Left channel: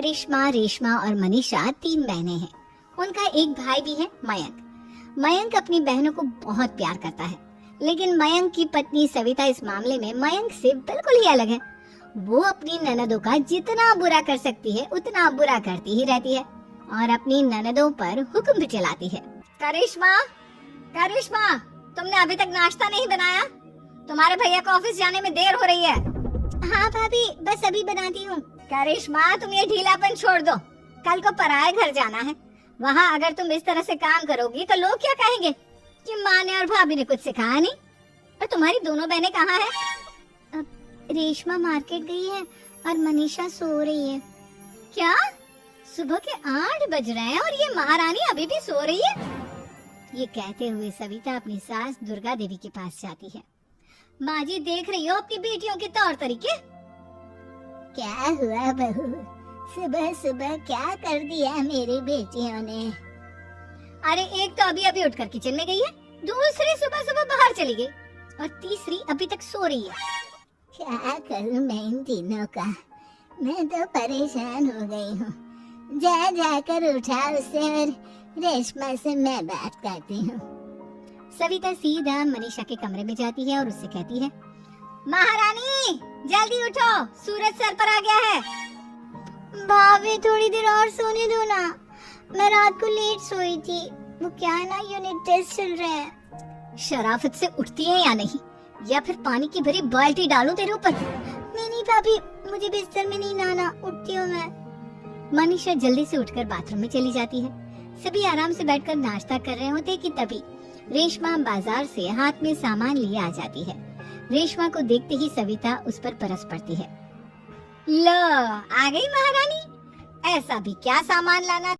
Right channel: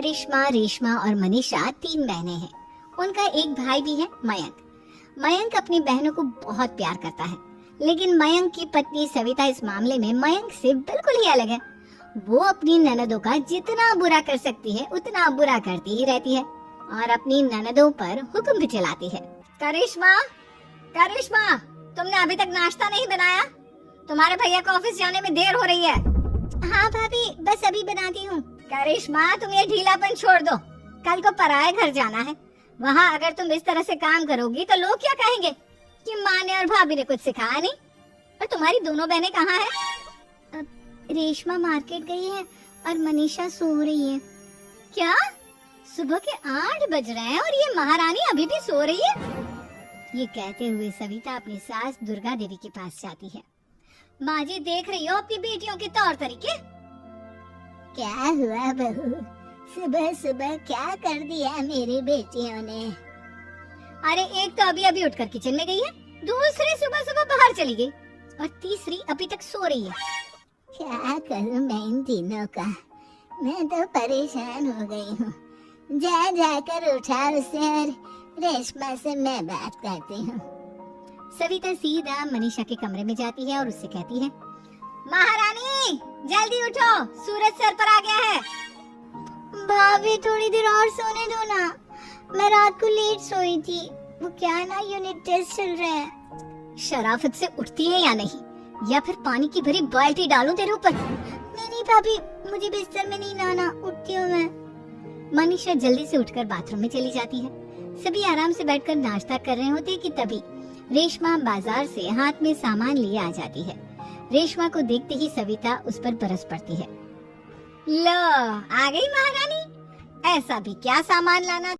करिश्मा, रेशमा और मनीषा 3 बहनें हैं। उनका एक भाई भी है, मयंक। मयंक अपनी बहनों को बहुत प्यार करता है, लेकिन मयंक की पत्नी सविता इस मामले में मयंक से बिल्कुल ही अलग है। वो अपनी ननदों का जितना बुरा कर सकती है उतना बुरा करती ही रहती है और अपनी ननदों पर हुक्म भी चलाती है। करिश्मा, करिश्मा, तुमने अभी तक नाश्ता नहीं बनाया? तुम्हारे भैया को ऑफिस जाने में देर हो रही है। हाँ भाभी, बस अभी बनाती हूँ। करिश्मा, तुम ये ढीलापन छोड़ दो। कल को पराये घर जाना है। वहाँ अगर तुम इस तरह से काम करोगी तो लोग क्या कहेंगे कि माँ ने और भाभी ने कुछ सिखाया नहीं। और तुम्हारी दोनों बहनें कहाँ हैं? रेशमा मार्केट गई है और मनीषा सो रही है। क्या? सुबह के 8 बज रहे हैं और ये महारानी अभी भी सो रही है? ये कहते हुए सविता अपनी सास दुर्गा देवी के पास जाती है। माँ जी, देख रही हो अपनी बेटियों के तौर तरीके? क्या हुआ बहू, सुबह सुबह क्या कर दिया मेरी बेटियों ने? अरे एक तो अभी अभी उठकर किचन में गई है, दूसरी सुबह सुबह बाहर चली गई और तीसरी अभी तक सो रही है। क्या करूं मैं इन तीनों का, मैं तो परेशान हो गई हूँ। जा जाकर उठा उसे और रेशमा से मैं बात करती हूँ। सविता सीधा मनीषा के कमरे में जाती है और उससे कहती है, महारानी जल्दी उठो, सूरज सर पर आ गया है। भाभी थोड़ी देर और सोने दो ना, मैं रात को लेट सोई थी। वो क्या है ना, यूनिट टेस्ट चल रहे हैं। शराफत से उठती है या नहीं, या फिर पानी की भरी बाल्टी डालूं तेरे ऊपर? नहीं नहीं भाभी, मुझे बिस्तर में नहीं लाना, उठती हूँ मैं। मनीषा जल्दी से उठकर बाथरूम में चली जाती है। सभी आराम से बैठकर नाश्ता कर रहे होते कि तभी रेशमा बाजार से हाथ में सामान लिए आ जाती है। रेशमा को देखते ही सविता उस पर बरस पड़ती है। लो, आ गई महारानी, ऐसा भी क्या सामान लाना